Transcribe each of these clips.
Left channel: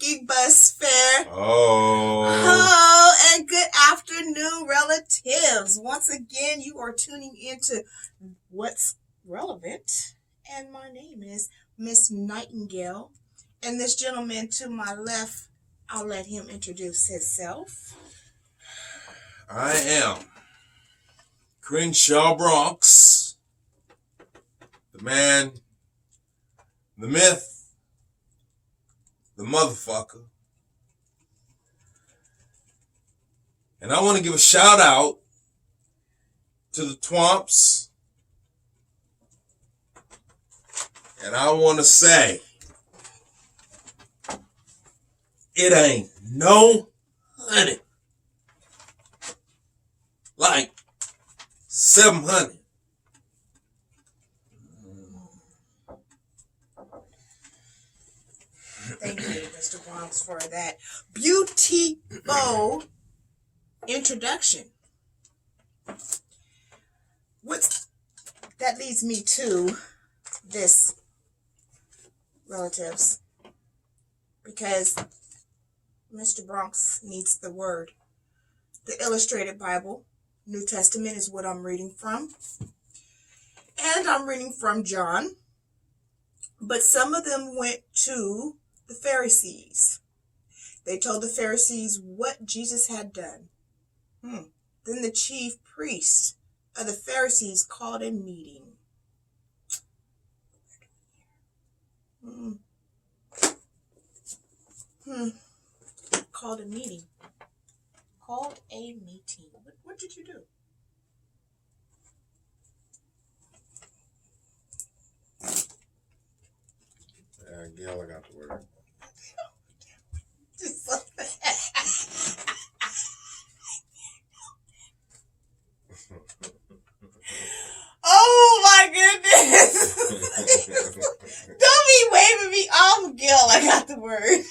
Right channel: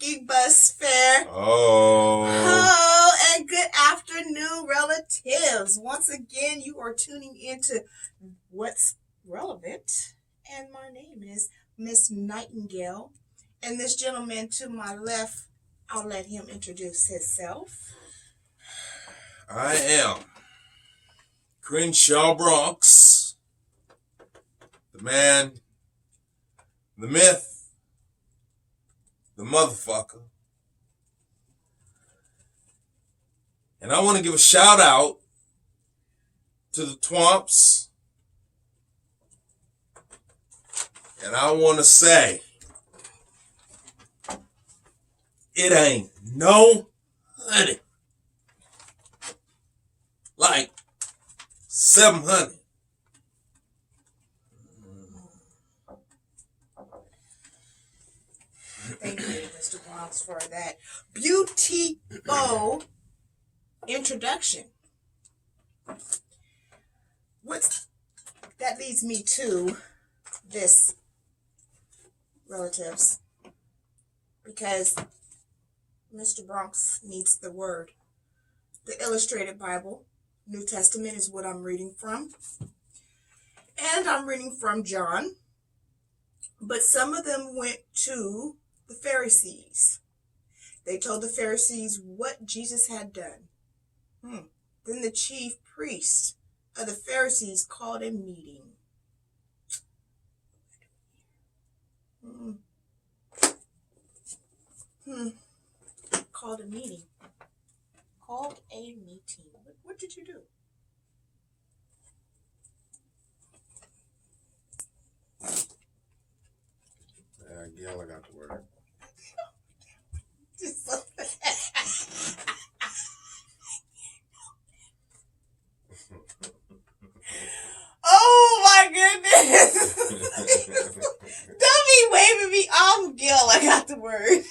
Monkey Bus Fair. Oh, and good afternoon, relatives. Once again, you are tuning into What's Relevant, and my name is Miss Nightengale. And this gentleman to my left, I'll let him introduce himself. I am Crenshaw Bronx, the man, the myth, the motherfucker. And I want to give a shout out to the Twomps. And I want to say, it ain't no honey like 700. Thank you, Mr. Bronx, for that beautiful introduction. That leads me to this, relatives, because Mr. Bronx needs the word. The Illustrated Bible, New Testament, is what I'm reading from. And I'm reading from John. But some of them went to the Pharisees. They told the Pharisees what Jesus had done. Then the chief priest of the Pharisees called a meeting. Called a meeting. What did you do? Gail, I got the word. Oh my goodness! Don't be waving me off, Gil. I got the word.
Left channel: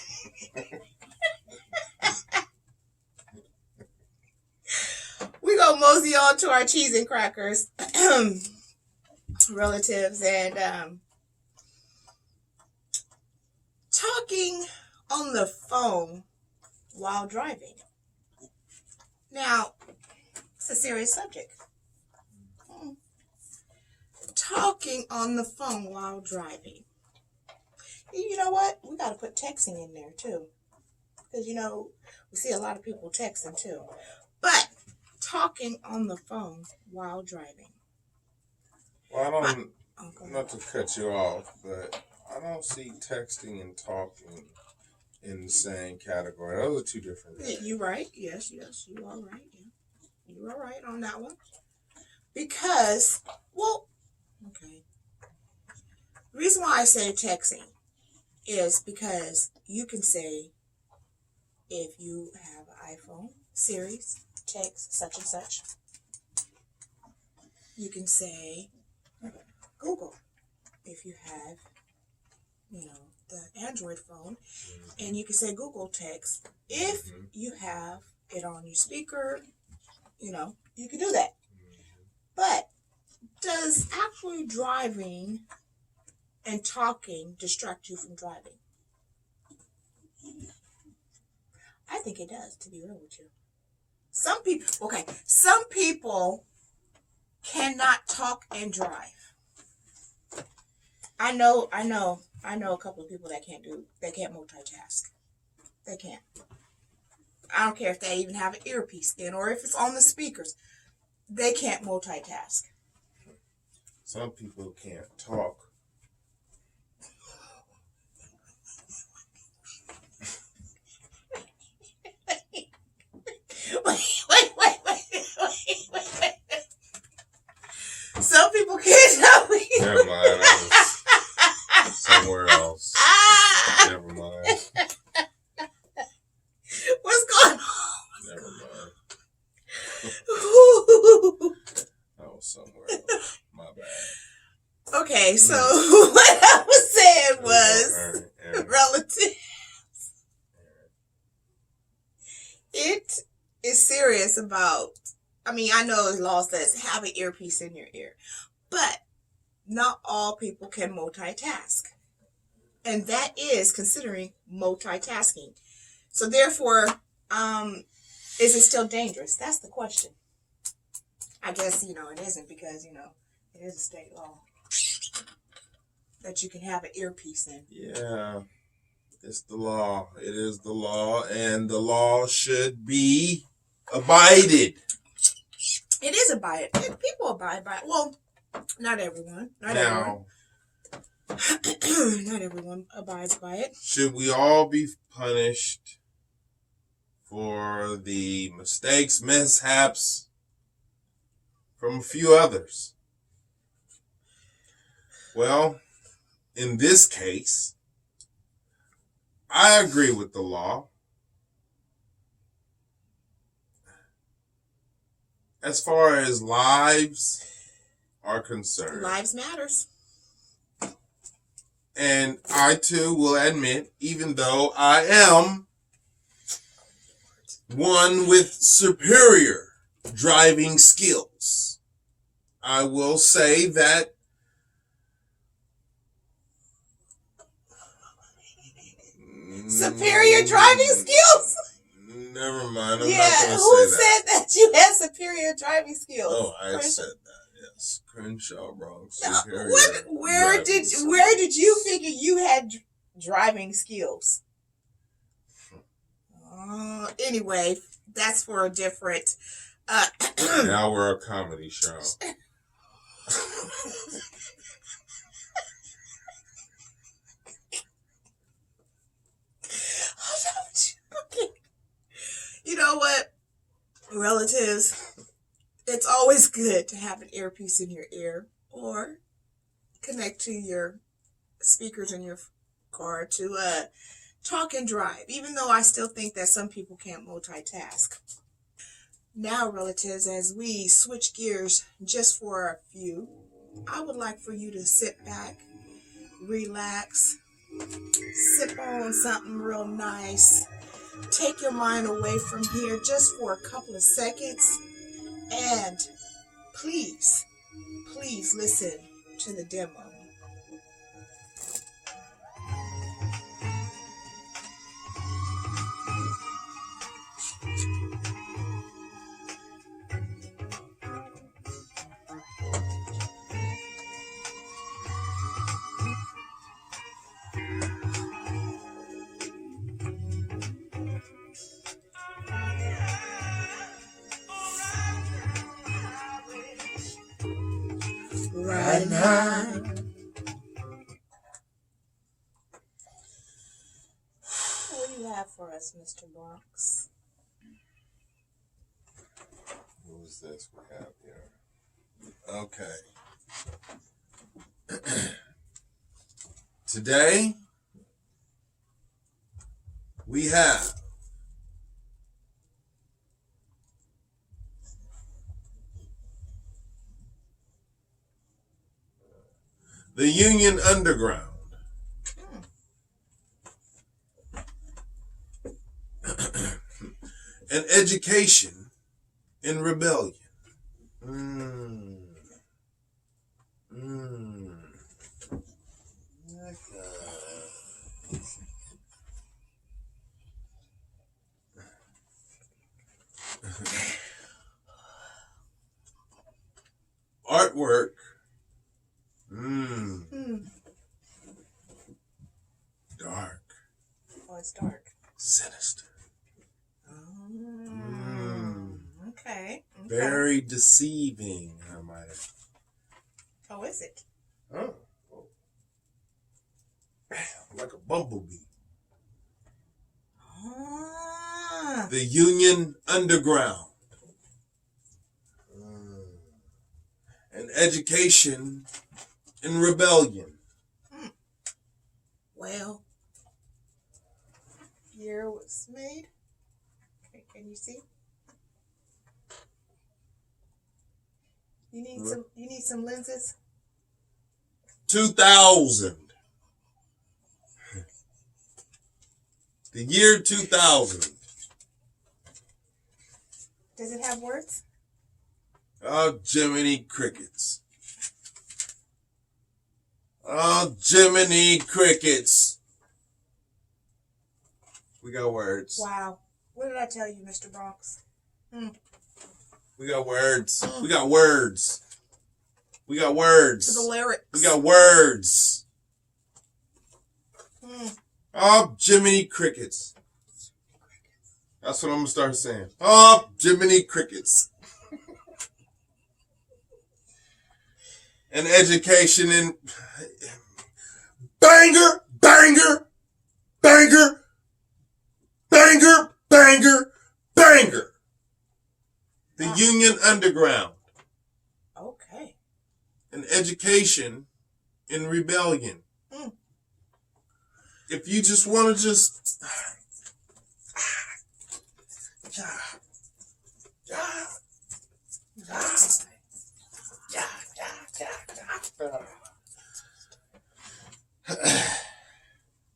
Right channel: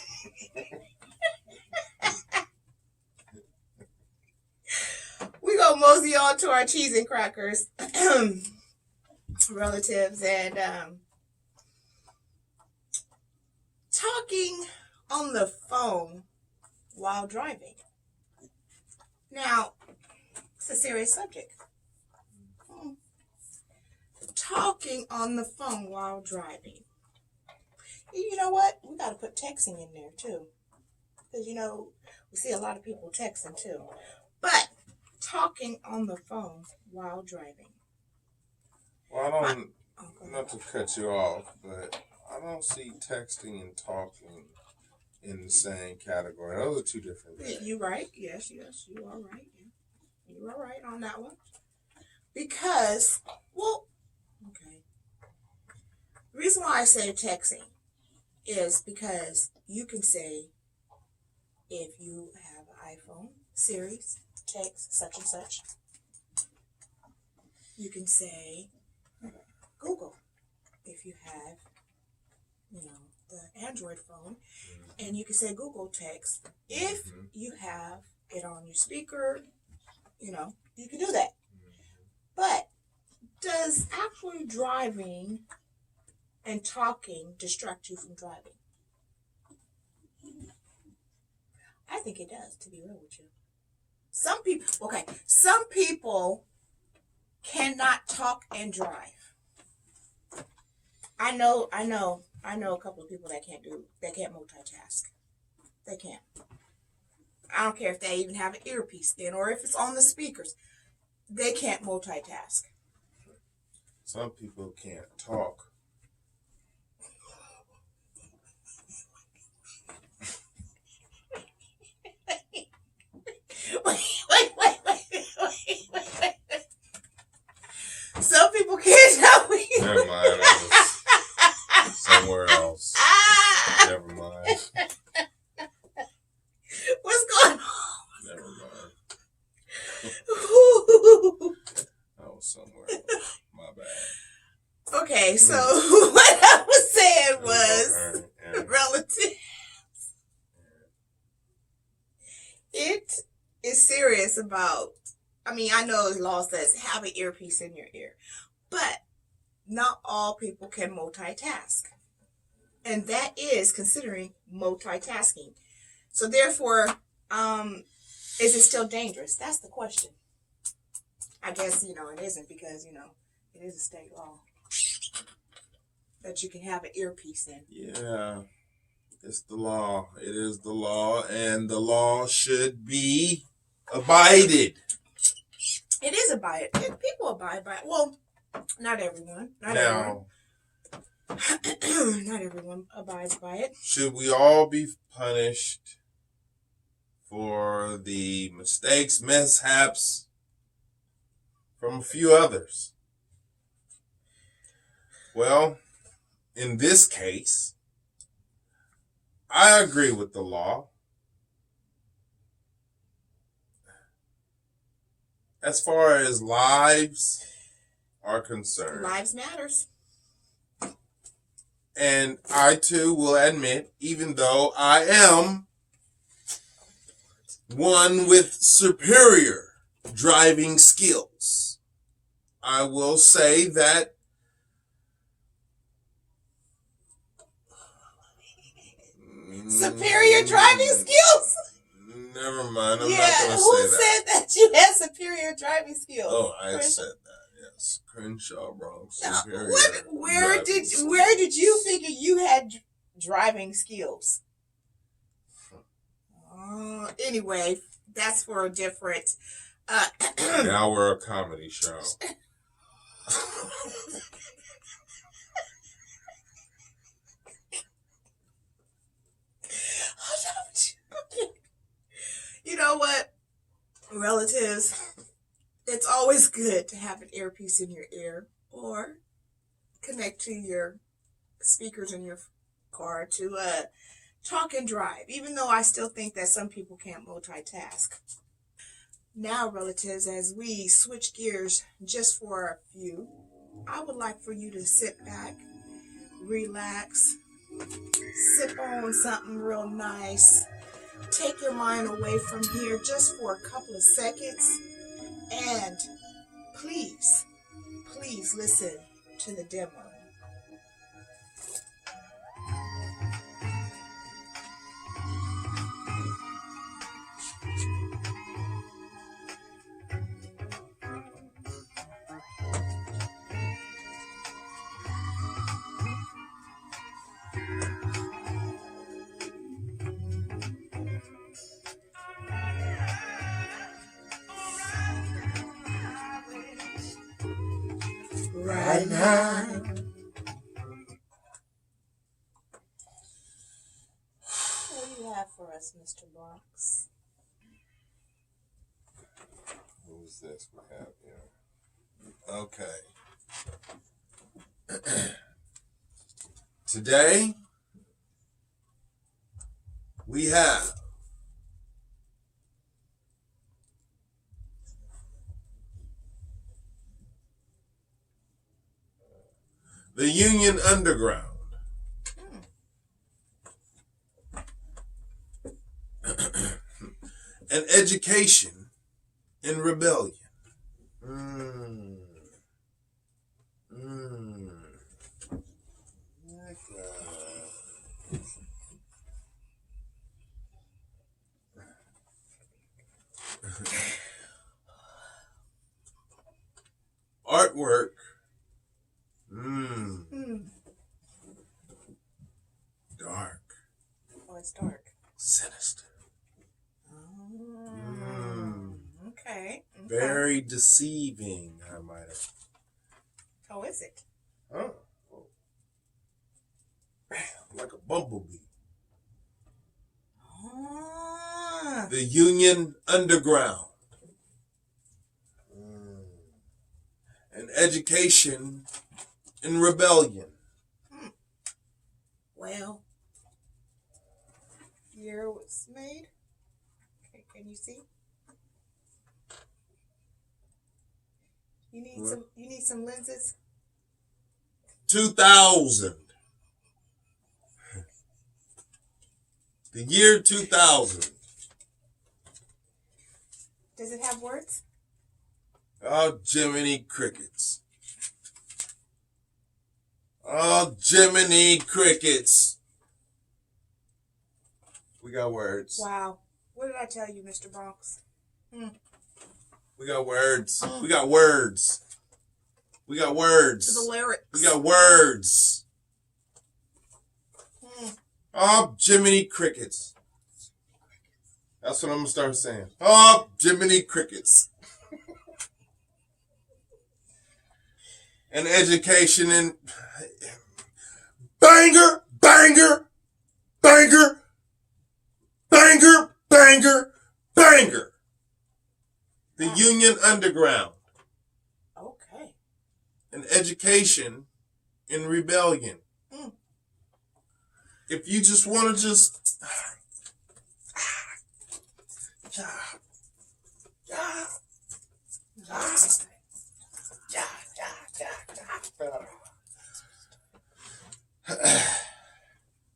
We go mosey on to our cheese and crackers, relatives, and talking on the phone while driving. Now, it's a serious subject. Talking on the phone while driving. You know what? We got to put texting in there too. Because, we see a lot of people texting too. But talking on the phone while driving. Well, not to cut you off, but I don't see texting and talking in the same category. Those are two different things. You're right. Yes, you are right. Yeah. You are right on that one. Because, okay. The reason why I say texting is because you can say, if you have an iPhone series, text such and such. You can say Google if you have, the Android phone, and you can say Google text. If you have it on your speaker, you can do that. But does actually driving and talking distract you from driving? I think it does, to be real with you. Some people cannot talk and drive. I know a couple of people that can't multitask. They can't. I don't care if they even have an earpiece in or if it's on the speakers. They can't multitask. Some people can't talk. Wait. Some people can't tell me. Never mind. I was somewhere else. Never mind. What's going on? Never mind. I was somewhere else. My bad. Okay, so what I was saying was relative. It is serious about, I know the law says have an earpiece in your ear, but not all people can multitask. And that is considering multitasking. So therefore, is it still dangerous? That's the question. I guess, it isn't because, it is a state law that you can have an earpiece in. Yeah, it's the law. It is the law, and the law should be abided. It is abided. People abide by it. Well, not everyone. Not everyone abides by it. Should we all be punished for the mistakes, mishaps from a few others? Well, in this case, I agree with the law. As far as lives are concerned. Lives matters. And I too will admit, even though I am one with superior driving skills, I will say that superior driving skills? Never mind. I'm not going to say that. Who said that you had superior driving skills? Oh, I said that. Yes, Crenshaw Bronx. Now, where did you figure you had driving skills? Anyway, that's for a different. Now we're a comedy show. You know what, relatives? It's always good to have an earpiece in your ear or connect to your speakers in your car to talk and drive, even though I still think that some people can't multitask. Now, relatives, as we switch gears just for a few, I would like for you to sit back, relax, sip on something real nice, take your mind away from here just for a couple of seconds, and please listen to the demo. Right now. What do you have for us, Mr. Bronx? Who's this we have here? Okay. Today, we have the Union Underground. An education in rebellion. Artwork. Dark. Oh, it's dark. Sinister. Okay. Very deceiving, I might have. Oh, is it? Oh. Like a bumblebee. The Union Underground. An education in rebellion. Well, year was made. Okay, can you see? You need some lenses? 2000. The year 2000. Does it have words? Oh, Jiminy Crickets. Oh, Jiminy Crickets. We got words. Wow. What did I tell you, Mr. Bronx? We got words. We got words. We got words. To the lyrics. We got words. Oh, Jiminy Crickets. That's what I'm going to start saying. Oh, Jiminy Crickets. And education and banger, banger, banger, banger, banger, banger. The Union Underground. Okay. And education in rebellion. If you just want to just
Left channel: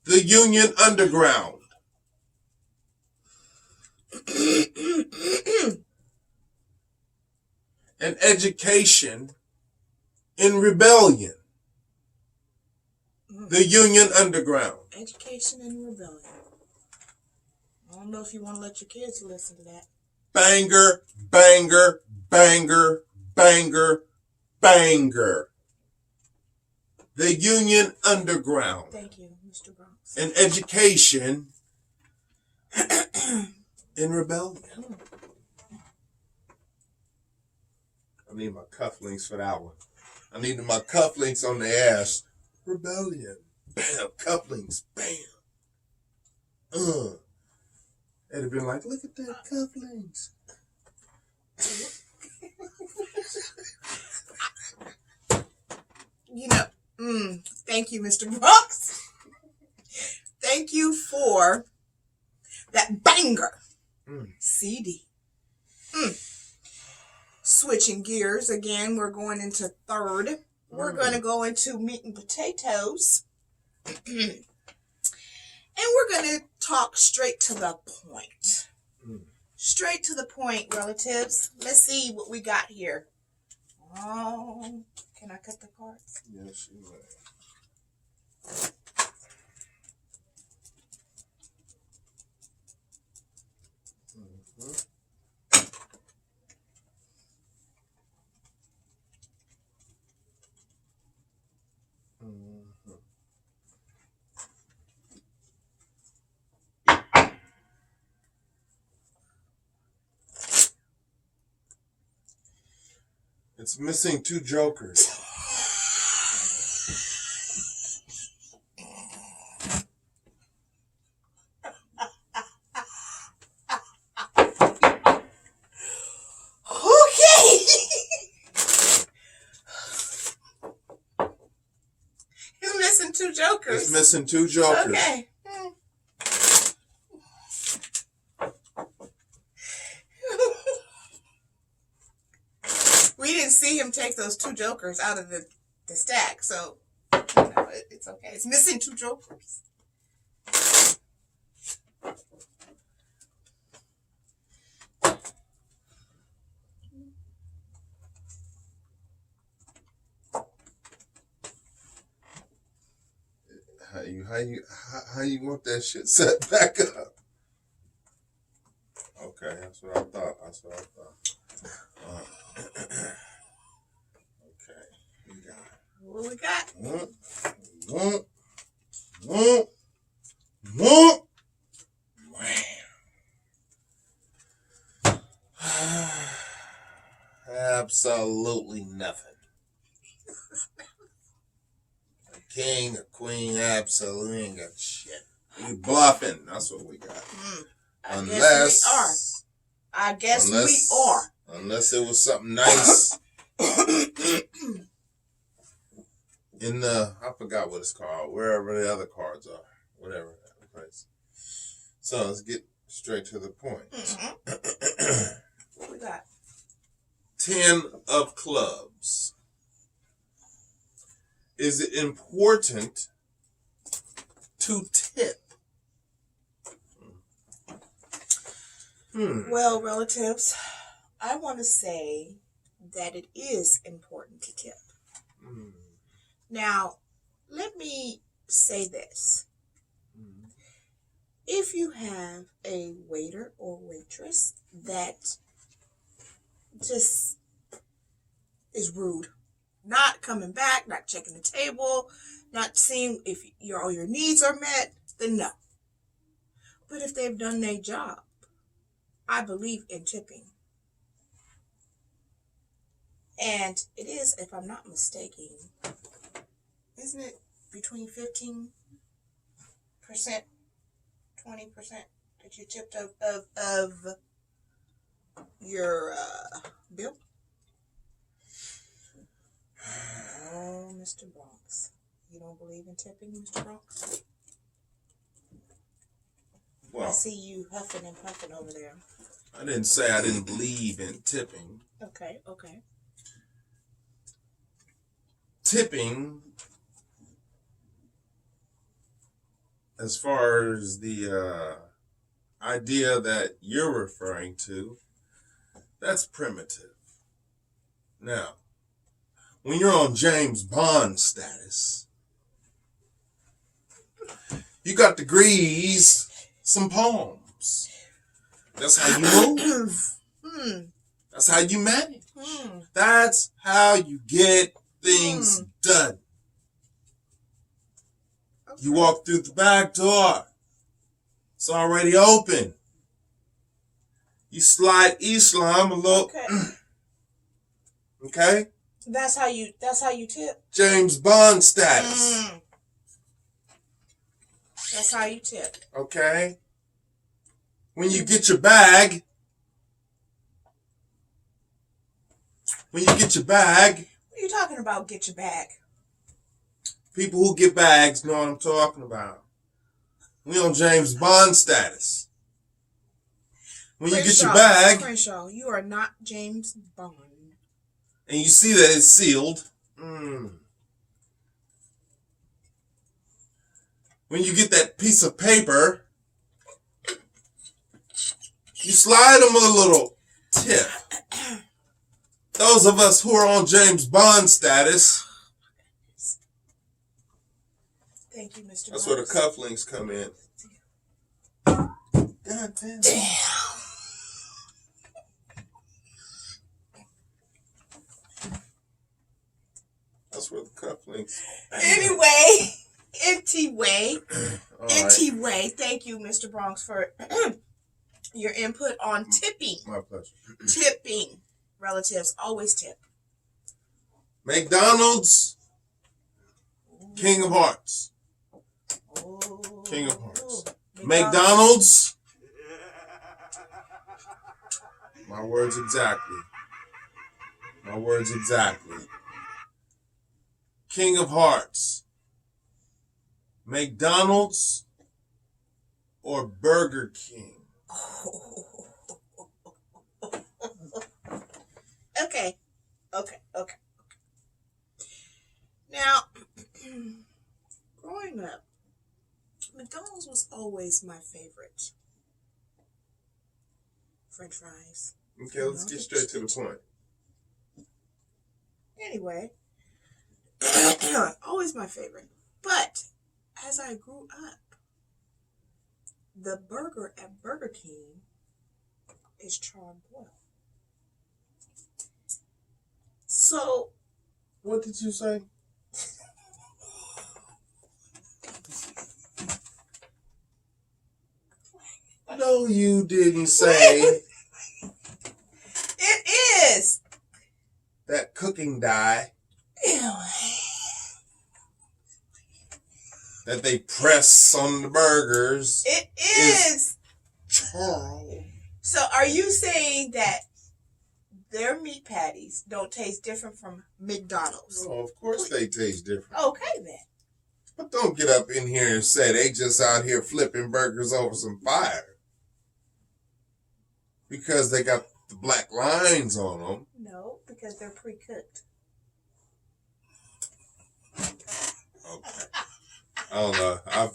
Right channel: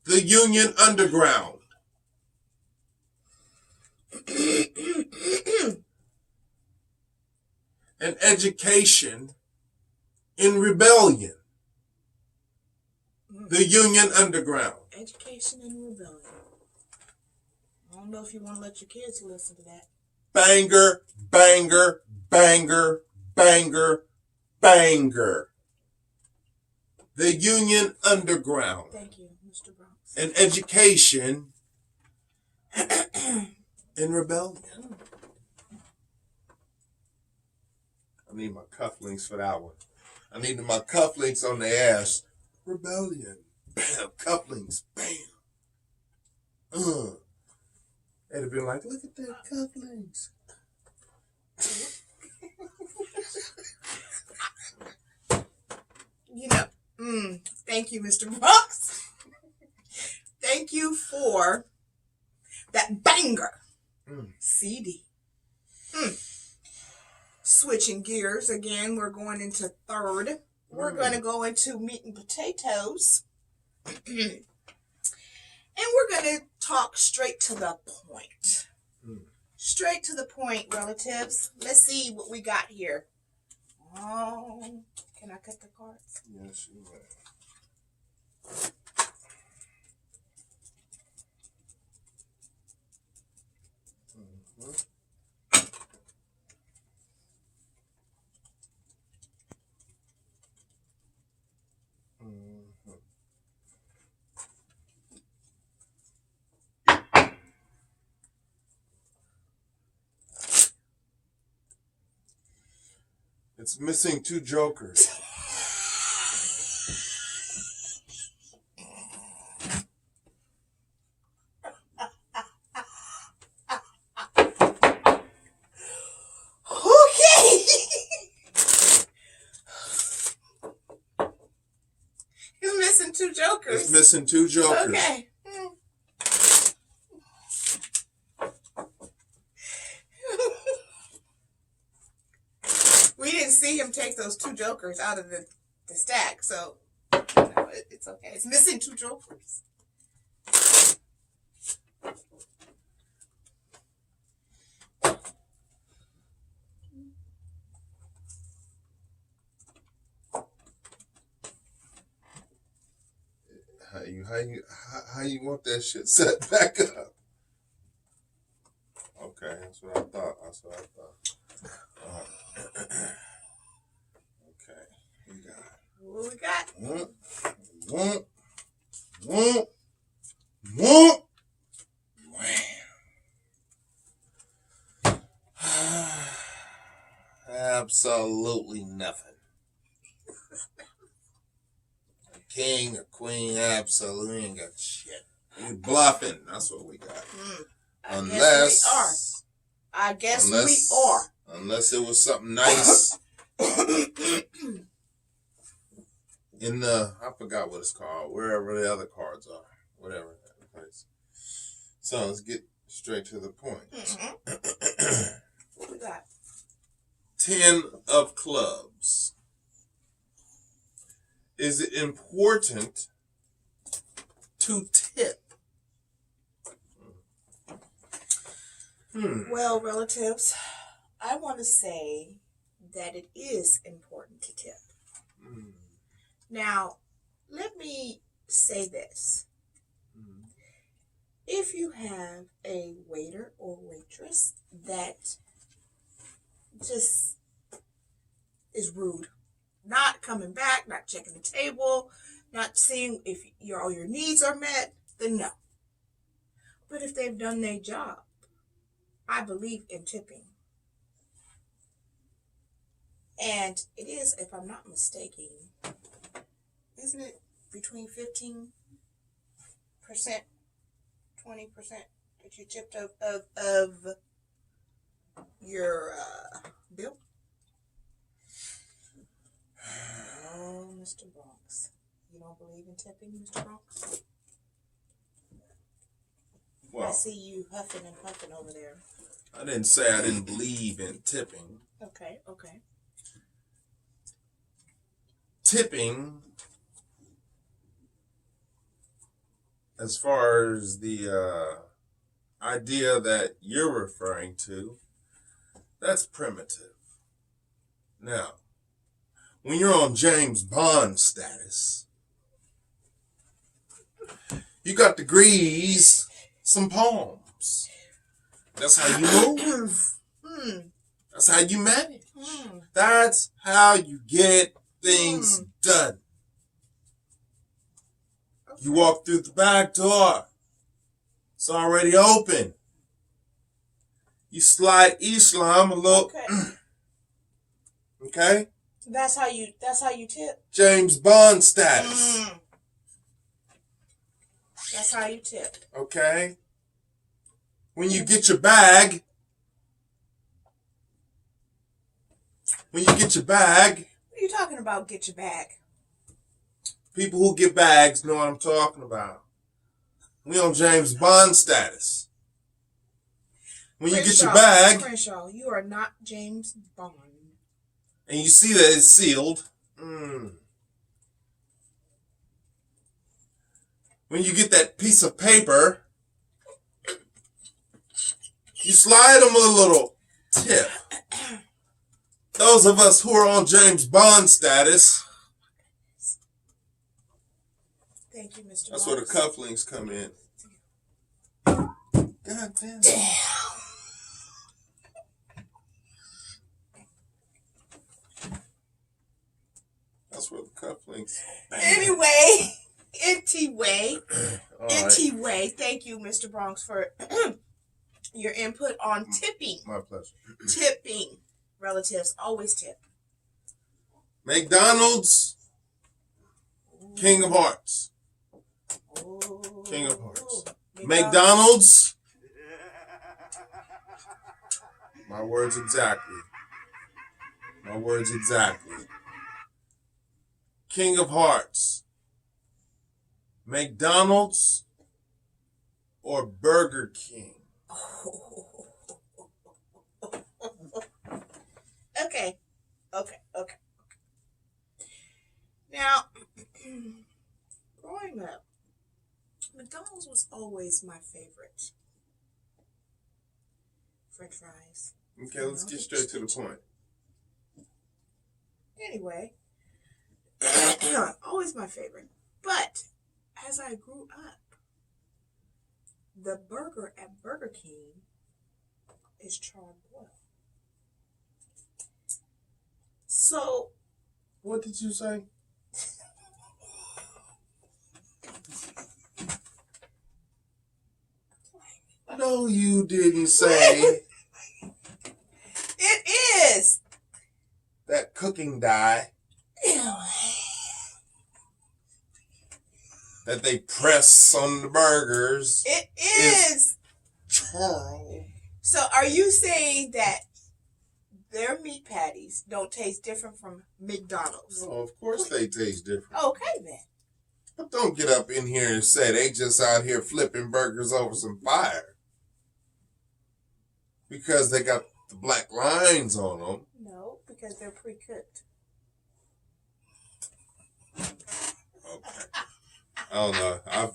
the Union Underground. And education in rebellion. The Union Underground. Education and rebellion. I don't know if you want to let your kids listen to that. Banger, banger, banger, banger, banger. The Union Underground. Thank you, Mr. Bronx. And education in rebellion. I need my cufflinks for that one. I need my cufflinks on the ass. Rebellion. Bam. Cufflinks. Bam. They'd have been like, look at that cufflinks. You know, thank you, Mr. Bronx. Thank you for that banger CD. Switching gears again, we're going into third. We're going to go into meat and potatoes. And we're going to talk straight to the point. Straight to the point, relatives. Let's see what we got here. Oh, can I cut the cards? Yes, you may. It's missing two jokers. Okay. It's missing two jokers. It's missing two jokers. Okay. We didn't see him take those two jokers out of the stack, so it's okay. It's missing two jokers. How you want that shit set back up? Okay, that's what I thought. Okay, we got. What we got? Absolutely nothing. A king, a queen, absolutely ain't got shit. You bluffing. That's what we got. I guess we are. Unless it was something nice in the, I forgot what it's called, wherever the other cards are, whatever that place. So let's get straight to the point. What we got? 10 of clubs. Is it important to tip? Well, relatives, I want to say that it is important to tip. Now, let me say this. If you have a waiter or waitress that just is rude, not coming back, not checking the table, not seeing if all your needs are met, then no. But if they've done their job, I believe in tipping. And it is, if I'm not mistaken, isn't it between 15%, 20% that you tipped of your bill? Oh, Mr. Bronx. You don't believe in tipping, Mr. Bronx? Well, I see you huffing and puffing over there. I didn't say I didn't believe in tipping. Okay. Tipping, as far as the idea that you're referring to, that's primitive. Now, when you're on James Bond status, you got to grease some palms. That's how you move. That's how you manage. That's how you get things done. Okay. You walk through the back door. It's already open. You slide Islam a little. Okay? That's how you tip. James Bond status. That's how you tip. Okay? When you get your bag. When you get your bag. What are you talking about, get your bag? People who get bags know what I'm talking about. We on James Bond status. When you get your bag. Crenshaw, you are not James Bond. And you see that it's sealed. When you get that piece of paper, you slide them a little tip. Those of us who are on James Bond status. Thank you, Mr. That's Bronx. where the cufflinks come in. God damn. That's where the cufflinks. Anyway, thank you, Mr. Bronx, for your input on tipping. My pleasure. Tipping. Relatives always tip. McDonald's. King of Hearts. Oh, King of Hearts. McDonald's. My words exactly. King of Hearts. McDonald's or Burger King? Okay. Now, growing up, McDonald's was always my favorite. French fries. Okay, let's get straight to the point. Anyway, always my favorite. But as I grew up, the burger at Burger King is charred boiled. So, what did you say? No, you didn't say. It is. That cooking dye. Ew. That they press on the burgers. It is. Charred. So are you saying that their meat patties don't taste different from McDonald's? Oh, of course they taste different. Okay then. But don't get up in here and say they just out here flipping burgers over some fire. Because they got the black lines on them. No, because they're pre-cooked. Okay. I don't know. I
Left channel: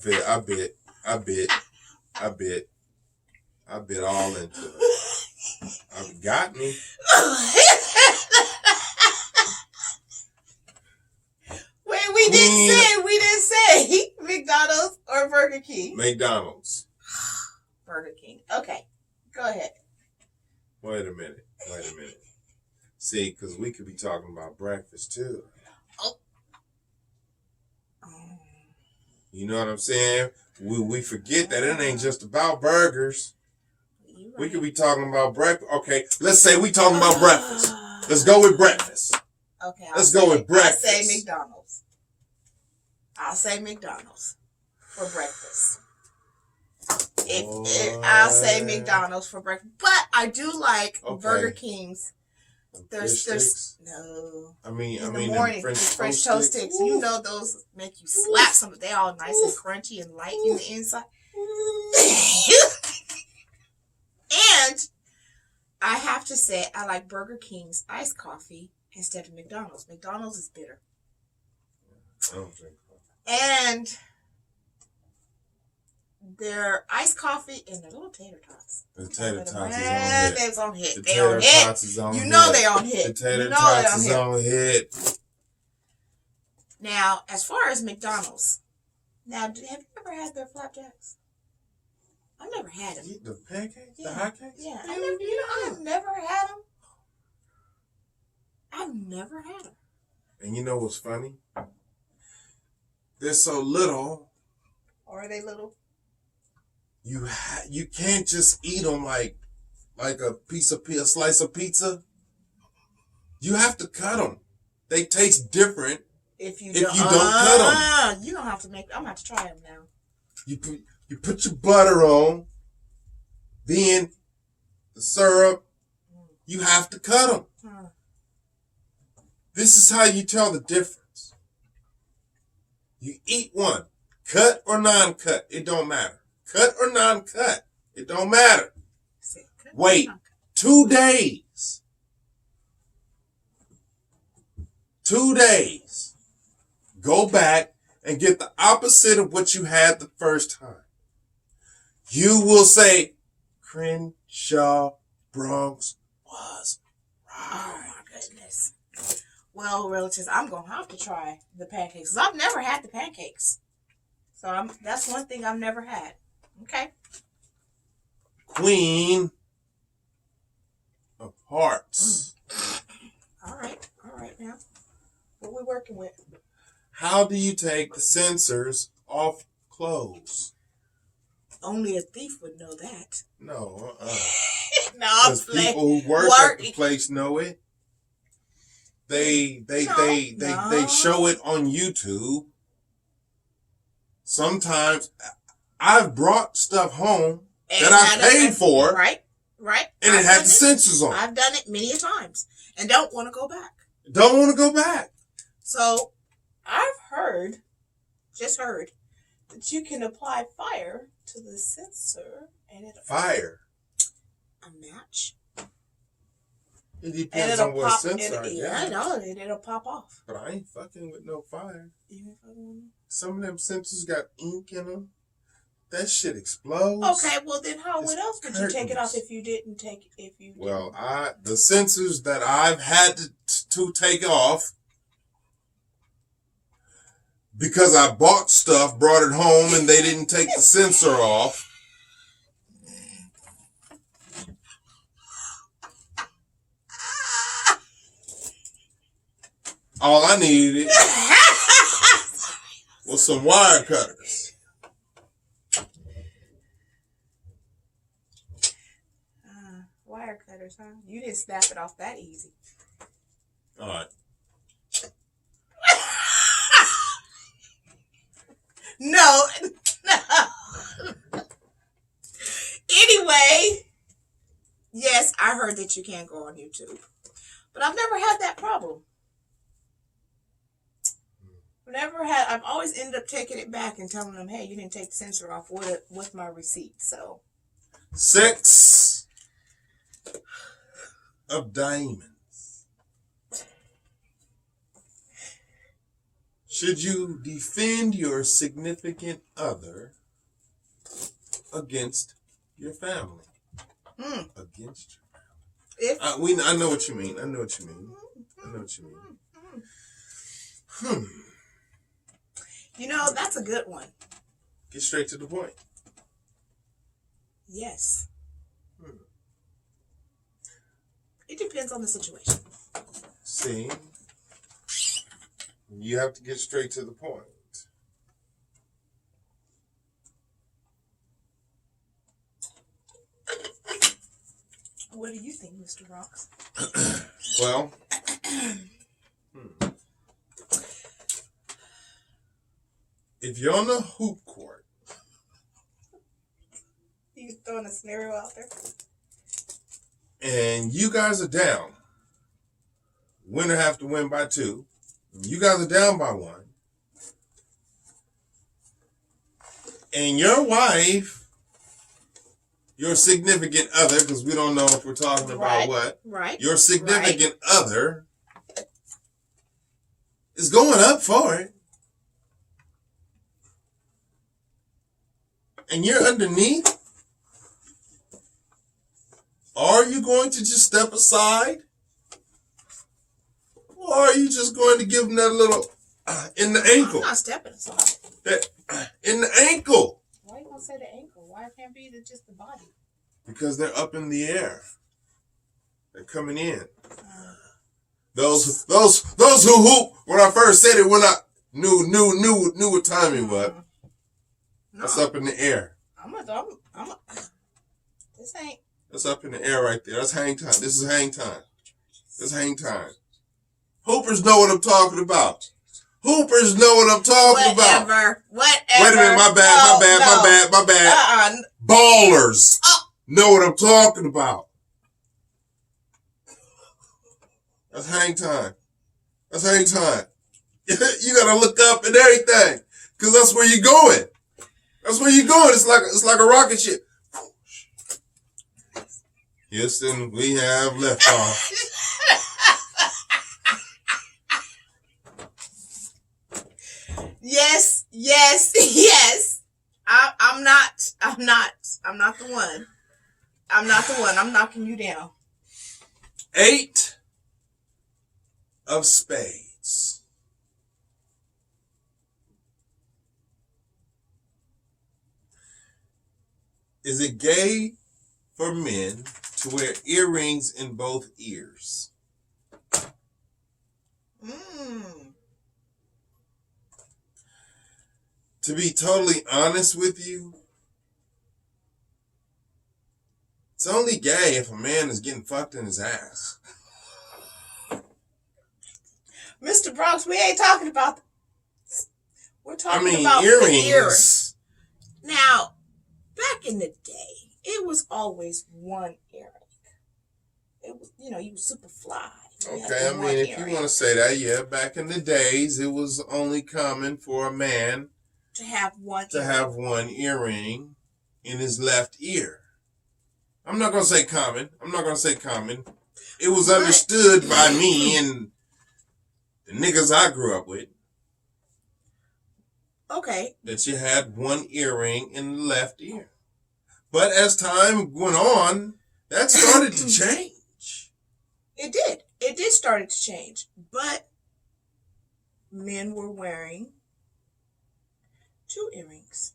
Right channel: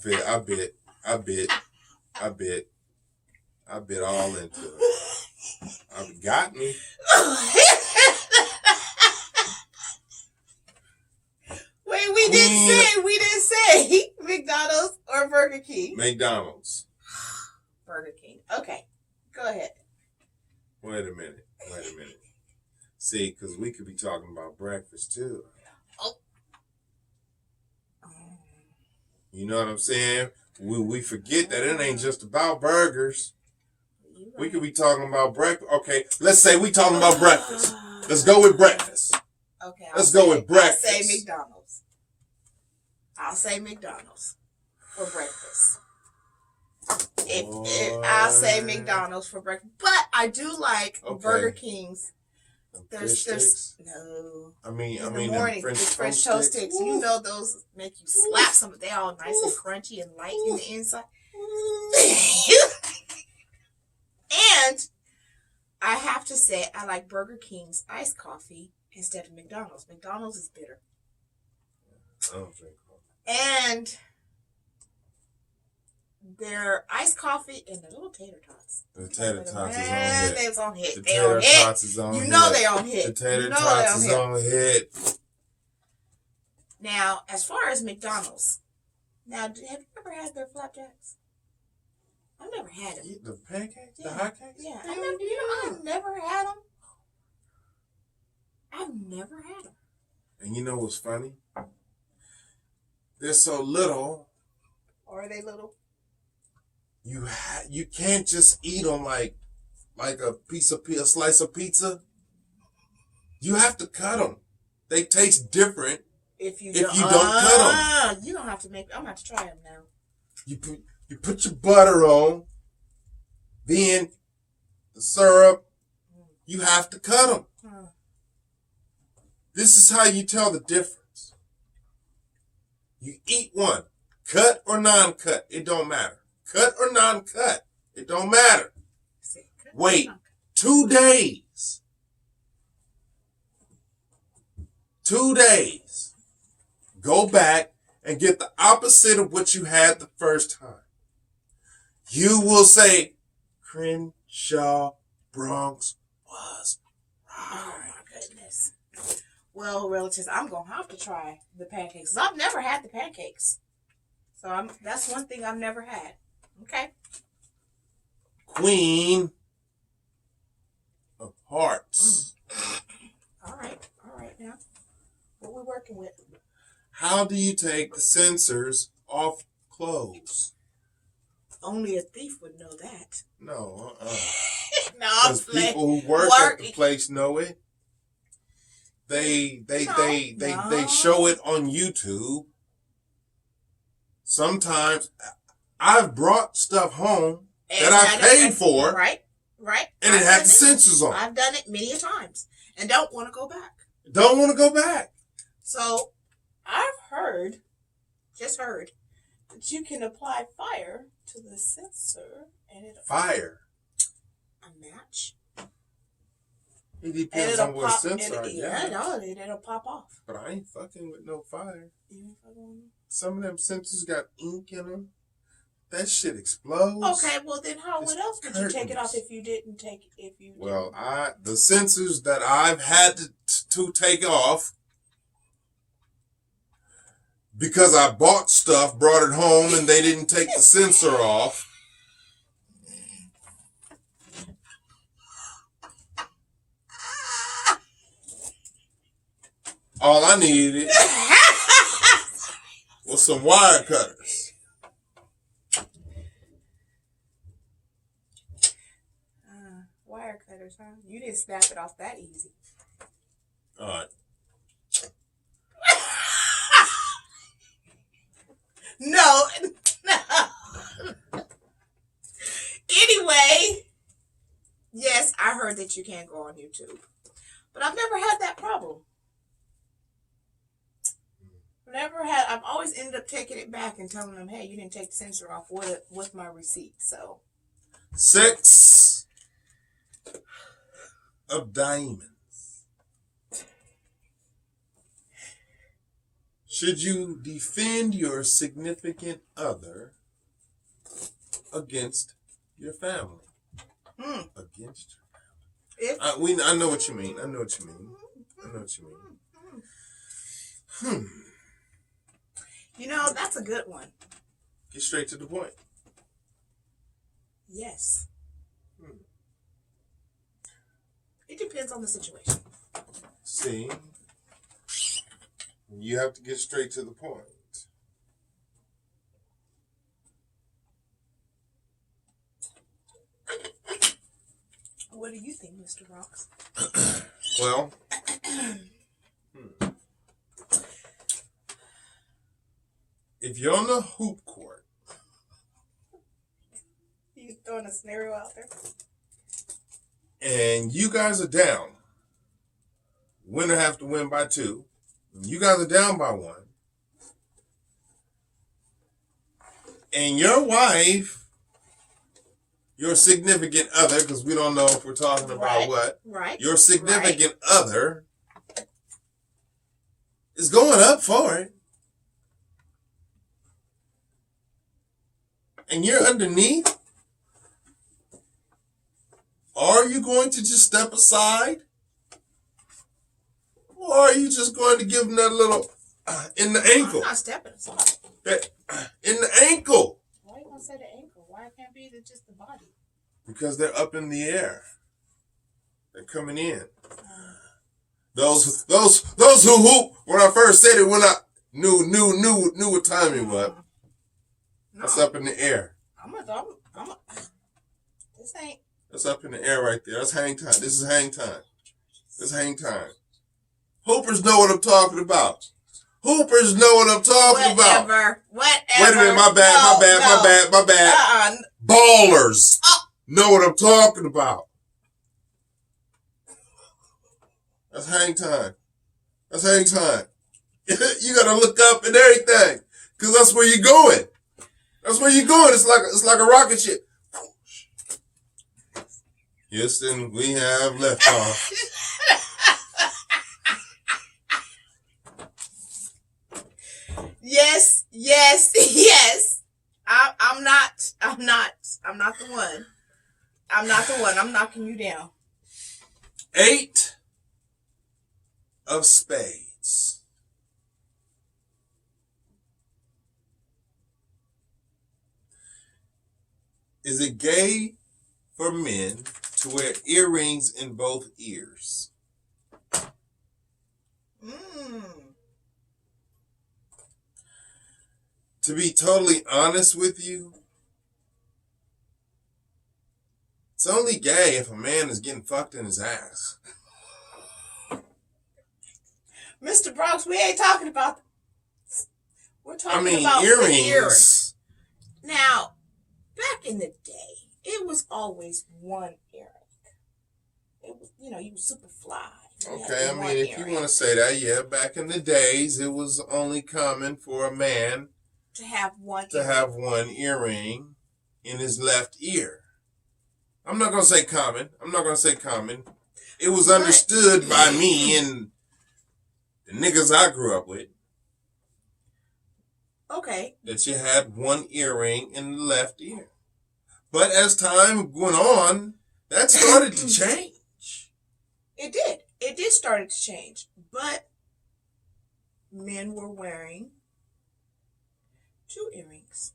bit all into it. Got me. Wait, we didn't say McDonald's or Burger King? McDonald's. Burger King. Okay, go ahead. Wait a minute. See, because we could be talking about breakfast too. Oh. You know what I'm saying? We forget that it ain't just about burgers. Right. We could be talking about breakfast. Okay, let's say we talking about breakfast. Let's go with breakfast. Okay, let's go with breakfast. I'll say McDonald's. I'll say McDonald's for breakfast. I'll say McDonald's for breakfast, but I do like Burger King's. There's no. I mean, in the morning, the French toast sticks. You know those make you slap some. They all nice and crunchy and light in the inside. And I have to say, I like Burger King's iced coffee instead of McDonald's. McDonald's is bitter. I don't drink coffee. And their iced coffee and the little tater tots. The tater tots is on hit. They was on hit. The they on tater tots is on hit. You know they on hit. The tater tots is on hit. Now, as far as McDonald's, have you ever had their flapjacks? I've never had them. The pancakes? Yeah. The hot cakes? Yeah. I've never had them. I've never had them. And you know what's funny? They're so little. Or are they little? You can't just eat them like a slice of pizza. You have to cut them. They taste different if you don't cut them. You don't have to make. I'm gonna have to try them now. You put your butter on, then the syrup. You have to cut them. This is how you tell the difference. You eat one, cut or non-cut, it don't matter. Cut or non-cut, it don't matter. Wait 2 days. 2 days. Go back and get the opposite of what you had the first time. You will say, Crenshaw Bronx was right. Oh my goodness. Well, relatives, I'm going to have to try the pancakes. I've never had the pancakes. So that's one thing I've never had. Okay. Queen of Hearts. All right now. What we working with? How do you take the sensors off clothes? Only a thief would know that. No, No, I'm because people who work at the place know it. They show it on YouTube. Sometimes I've brought stuff home that I paid for. Right. And it had the sensors on. I've done it many a times and don't want to go back. Don't want to go back. So I've just heard, that you can apply fire to the sensor and it'll... Fire? A match. It depends on what sensor I got. I know, and it'll pop off. But I ain't fucking with no fire. You ain't fucking with me? Some of them sensors got ink in them. That shit explodes. Okay, well then what else would you take it off if you didn't take it? Well, the sensors that I've had to take off, because I bought stuff, brought it home, and they didn't take the sensor off. All I needed was some wire cutters. Wire cutters, huh? You didn't snap it off that easy. All right. No. Anyway, yes, I heard that you can't go on YouTube, but I've never had that problem. I've always ended up taking it back and telling them, hey, you didn't take the sensor off with my receipt. So 6 of diamonds. Should you defend your significant other against your family? Against your family. I know what you mean. You know, that's a good one. Get straight to the point. Yes. It depends on the situation. See, you have to get straight to the point. What do you think, Mr. Bronx? Well, if you're on the hoop court, You throwing a scenario out there? and you guys are down, winner have to win by 2, and you guys are down by 1, and your wife, your significant other, because we don't know if we're talking about what, your significant other is going up for it, and you're underneath. Are you going to just step aside? Or are you just going to give them that little in the ankle? I'm not stepping aside. In the ankle. Why are you going to say the ankle? Why can't it be just the body? Because they're up in the air. They're coming in. Those who hoop, when I first said it, when I knew what time it was. No. That's up in the air. This ain't. That's up in the air right there. That's hang time. This is hang time. This is hang time. Hoopers know what I'm talking about. Hoopers know what I'm talking about. Whatever. Wait a minute, my bad. Ballers know what I'm talking about. That's hang time. That's hang time. You gotta look up and everything, cause that's where you're going. That's where you're going. It's like a rocket ship. Houston, we have left off. Yes. I'm not the one. I'm not the one. I'm knocking you down. 8 of spades. Is it gay for men to wear earrings in both ears? To be totally honest with you, it's only gay if a man is getting fucked in his ass. Mr. Bronx, we ain't talking about. We're talking about earrings. the earrings. Now, back in the day, it was always one earring. It was, you was super fly. Okay, if you want to say that, yeah, back in the days, it was only common for a man to have one earring in his left ear. I'm not going to say common. It was understood by me and the niggas I grew up with. Okay. That you had one earring in the left ear. But as time went on, that started to change. It did. It did start to change. But men were wearing 2 earrings.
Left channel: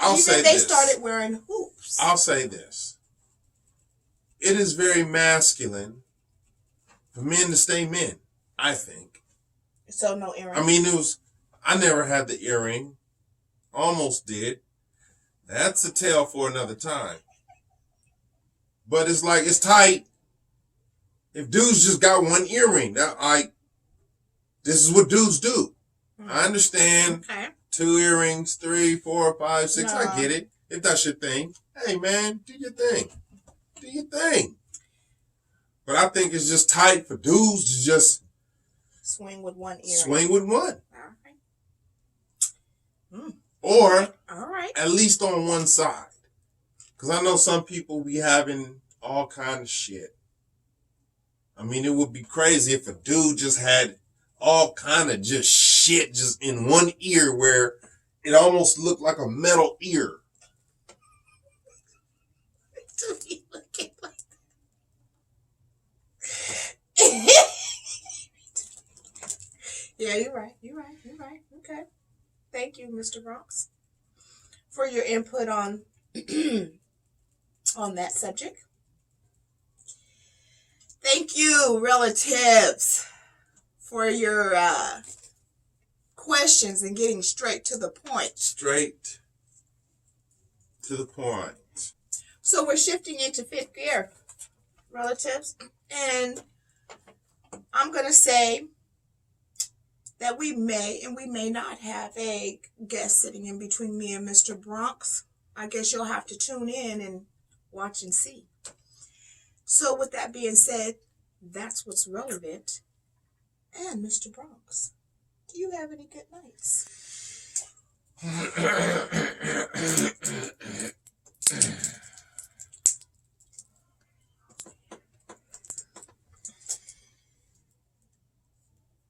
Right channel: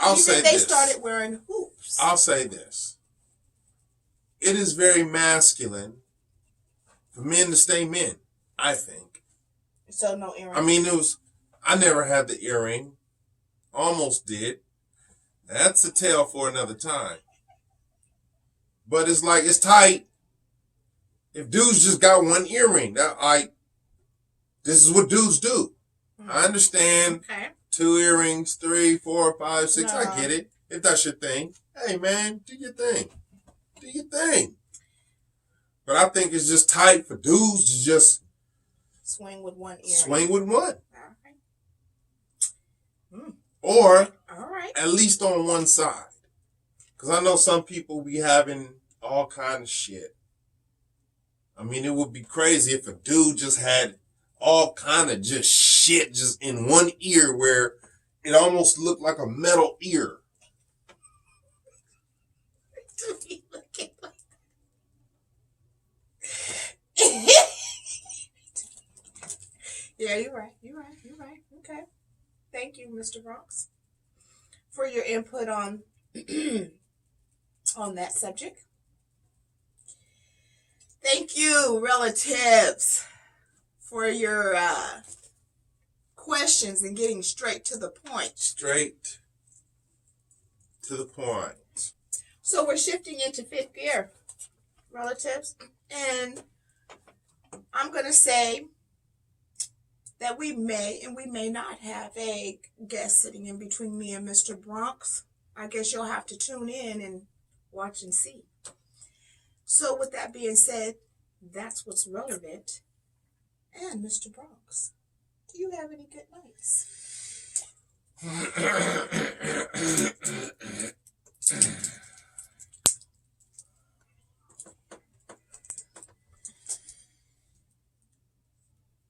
They started wearing hoops. I'll say this. It is very masculine for men to stay men, I think. So no earrings. I never had the earring. Almost did. That's a tale for another time. But it's like, it's tight. If dudes just got one earring, this is what dudes do. I understand. Okay. 2 earrings, 3, 4, 5, 6. No. I get it. If that's your thing. Hey, man, do your thing. But I think it's just tight for dudes to just swing with one earring. Swing with one. Okay. Or all right. At least on one side. Because I know some people be having all kind of shit. It would be crazy if a dude just had all kind of just shit just in one ear where it almost looked like a metal ear. Yeah, you're right. Okay. thank you, Mr. Bronx, for your input on on that subject. Thank you, relatives, for your questions and getting straight to the point. Straight to the point. So we're shifting into fifth gear, relatives, and I'm going to say that we may and we may not have a guest sitting in between me and Mr. Bronx. I guess you'll have to tune in and watch and see. So with that being said, that's what's relevant. And Mr. Bronx, do you have any good nights?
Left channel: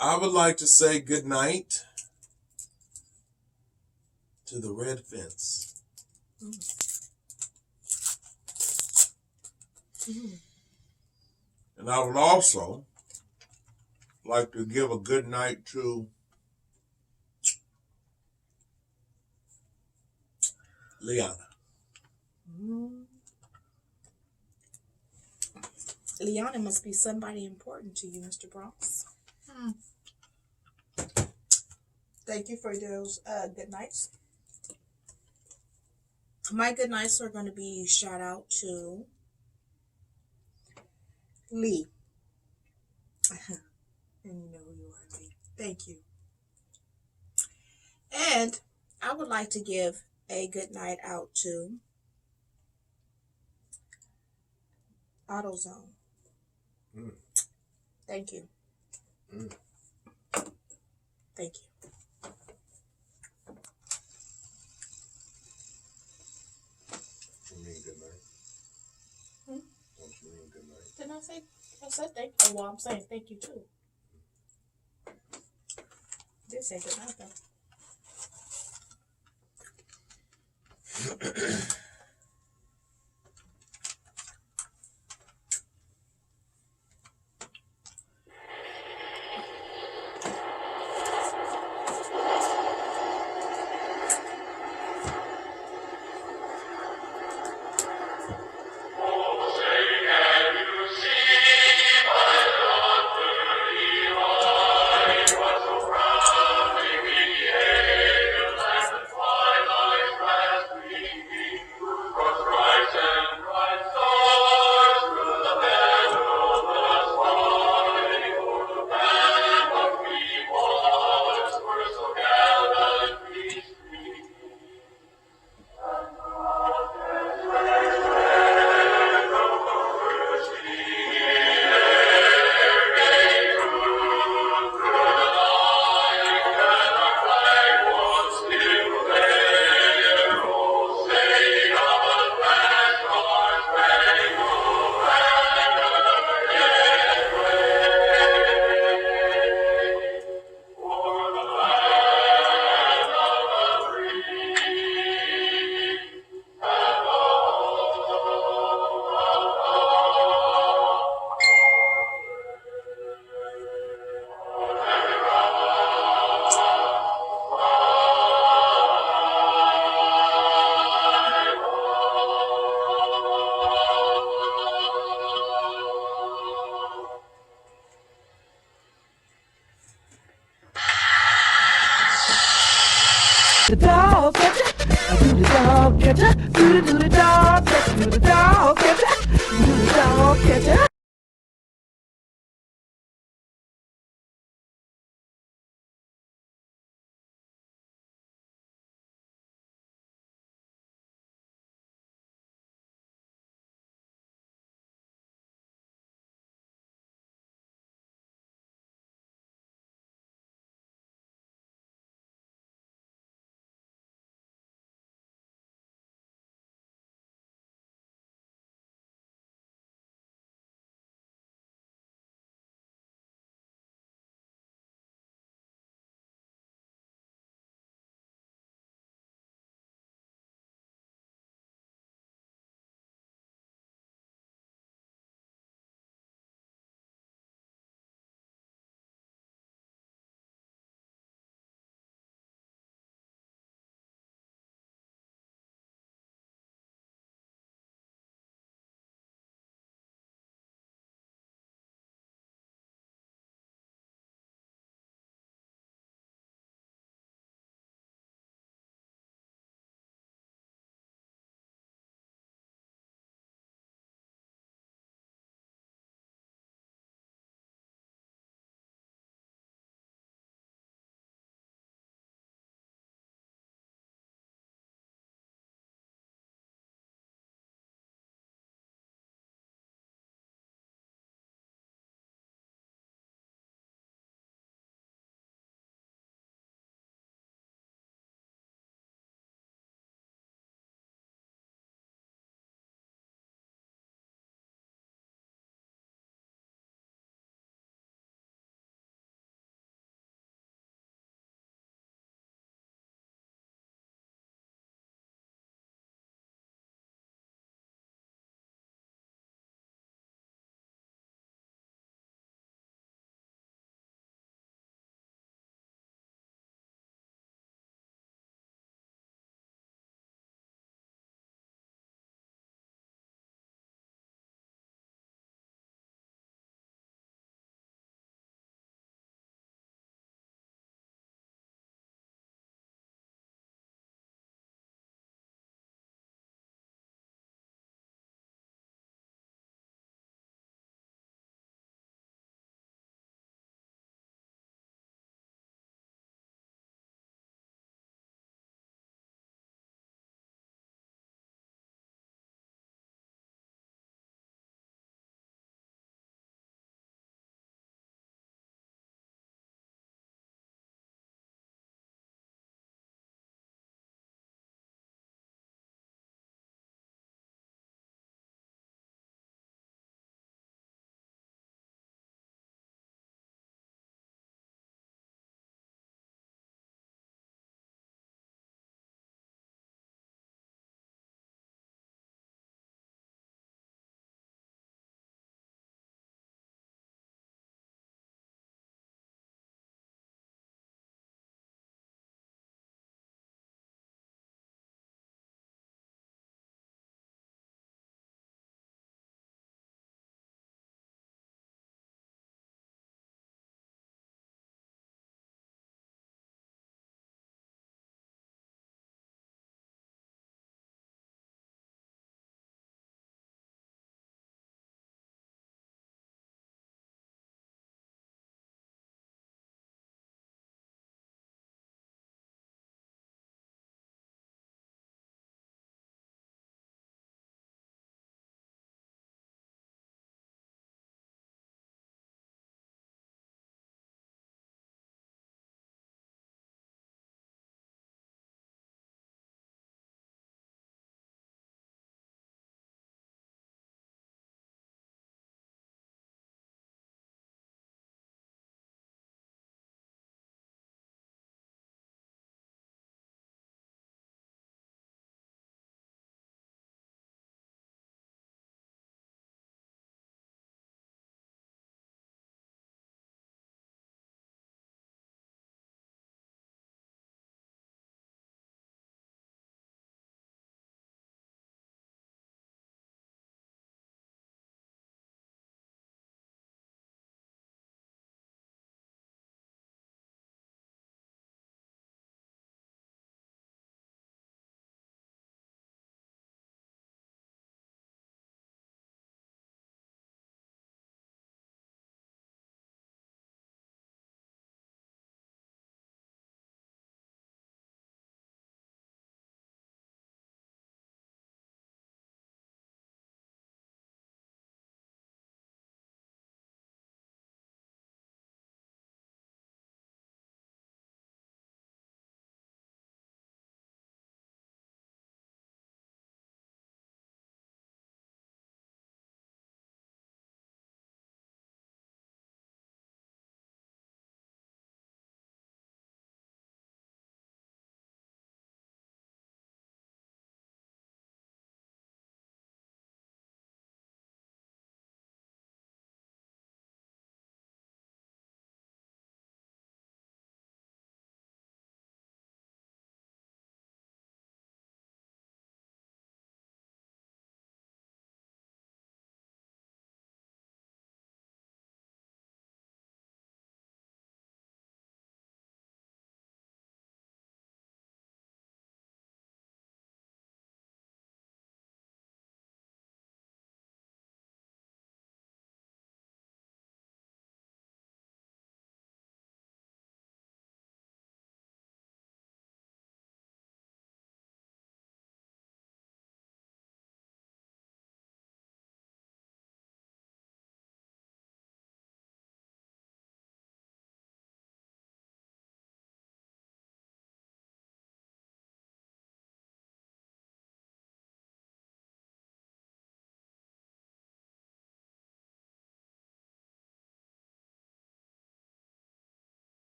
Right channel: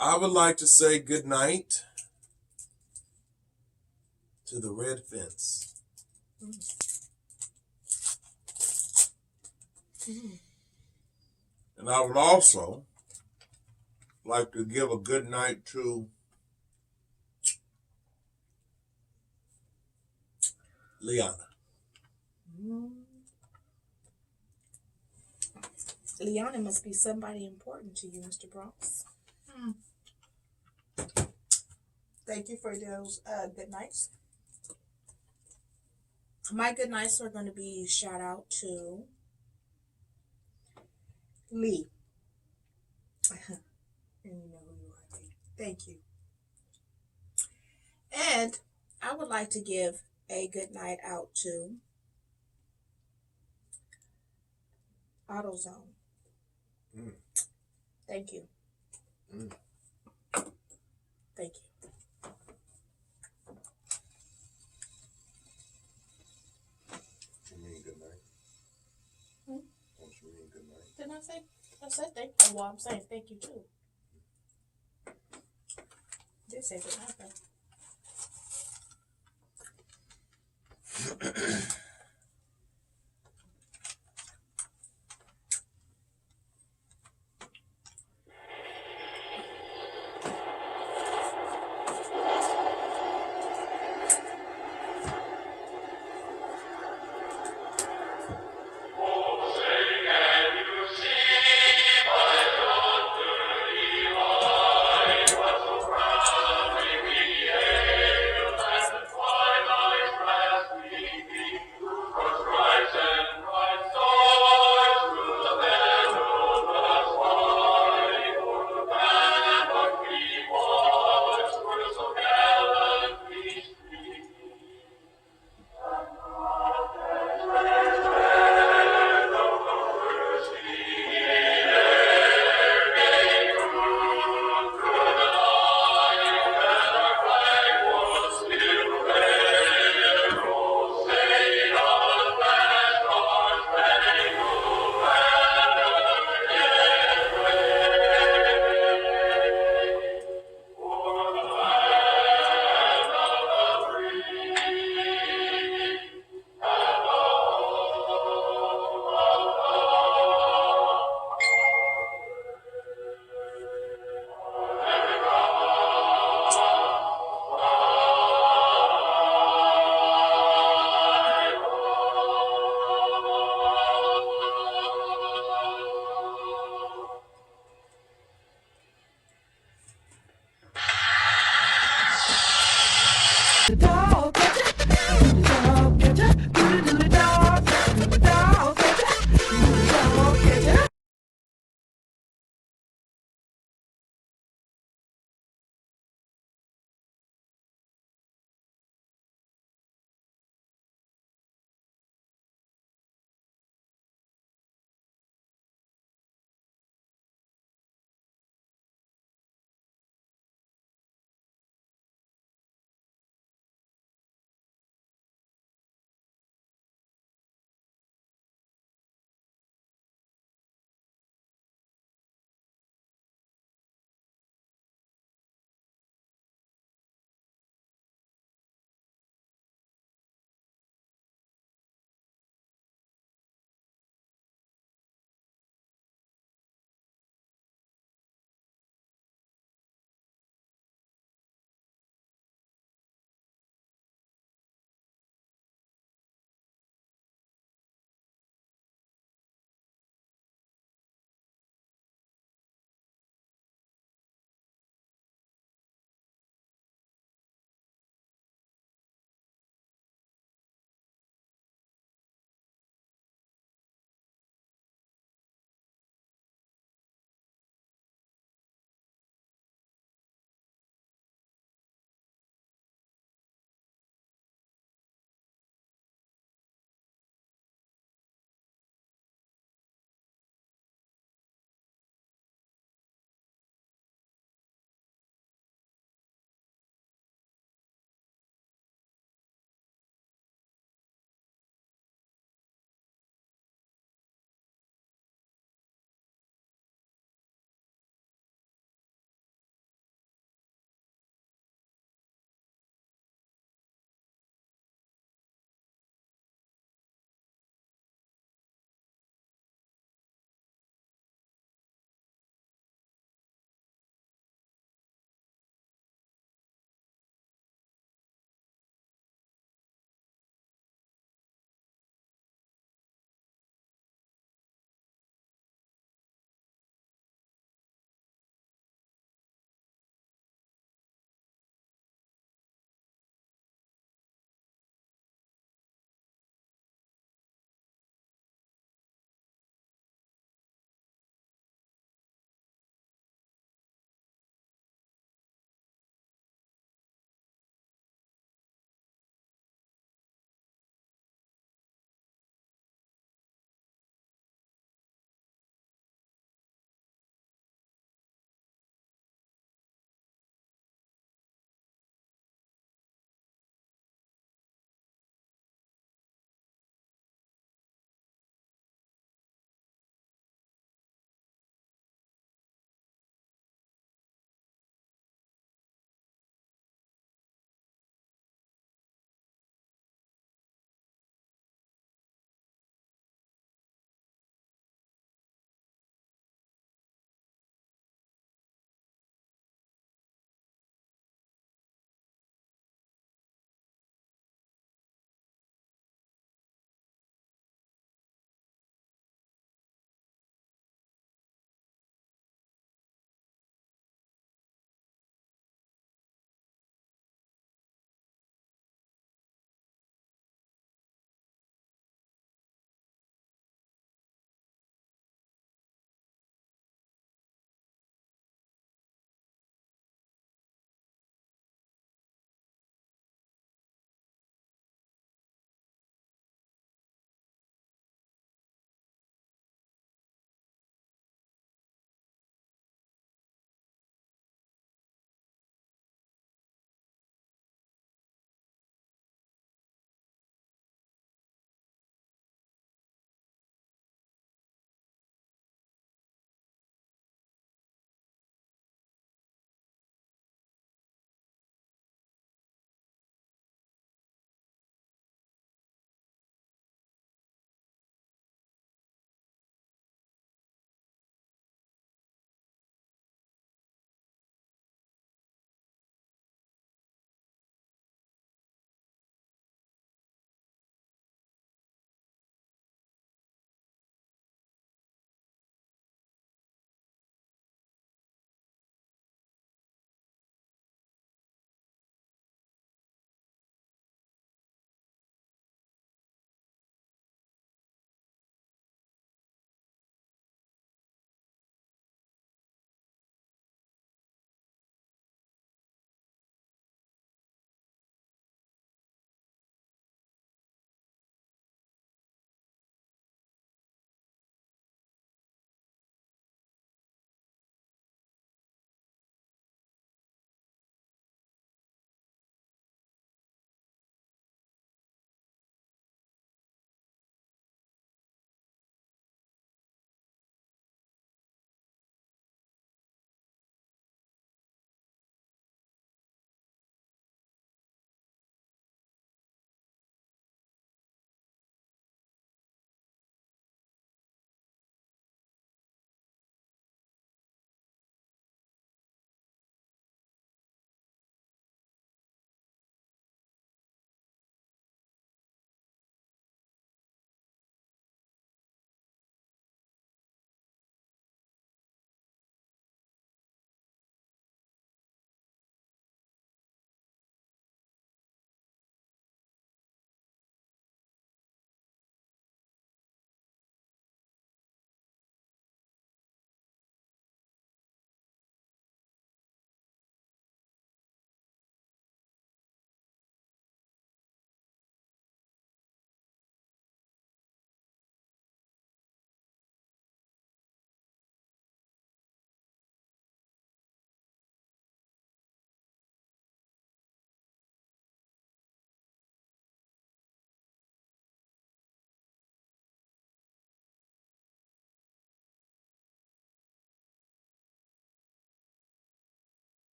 I would like to say good night to the red fence. And I would also like to give a good night to Liana. Liana must be somebody important to you, Mr. Bronx. Thank you for those good nights. My good nights are going to be shout out to Lee. And you know who you are, Lee. Thank you. And I would like to give a good night out to AutoZone. Thank you. Thank you. You mean good night? Don't you mean good night? Didn't I say? I said thank you. Well, I'm saying thank you too. I did say good night though.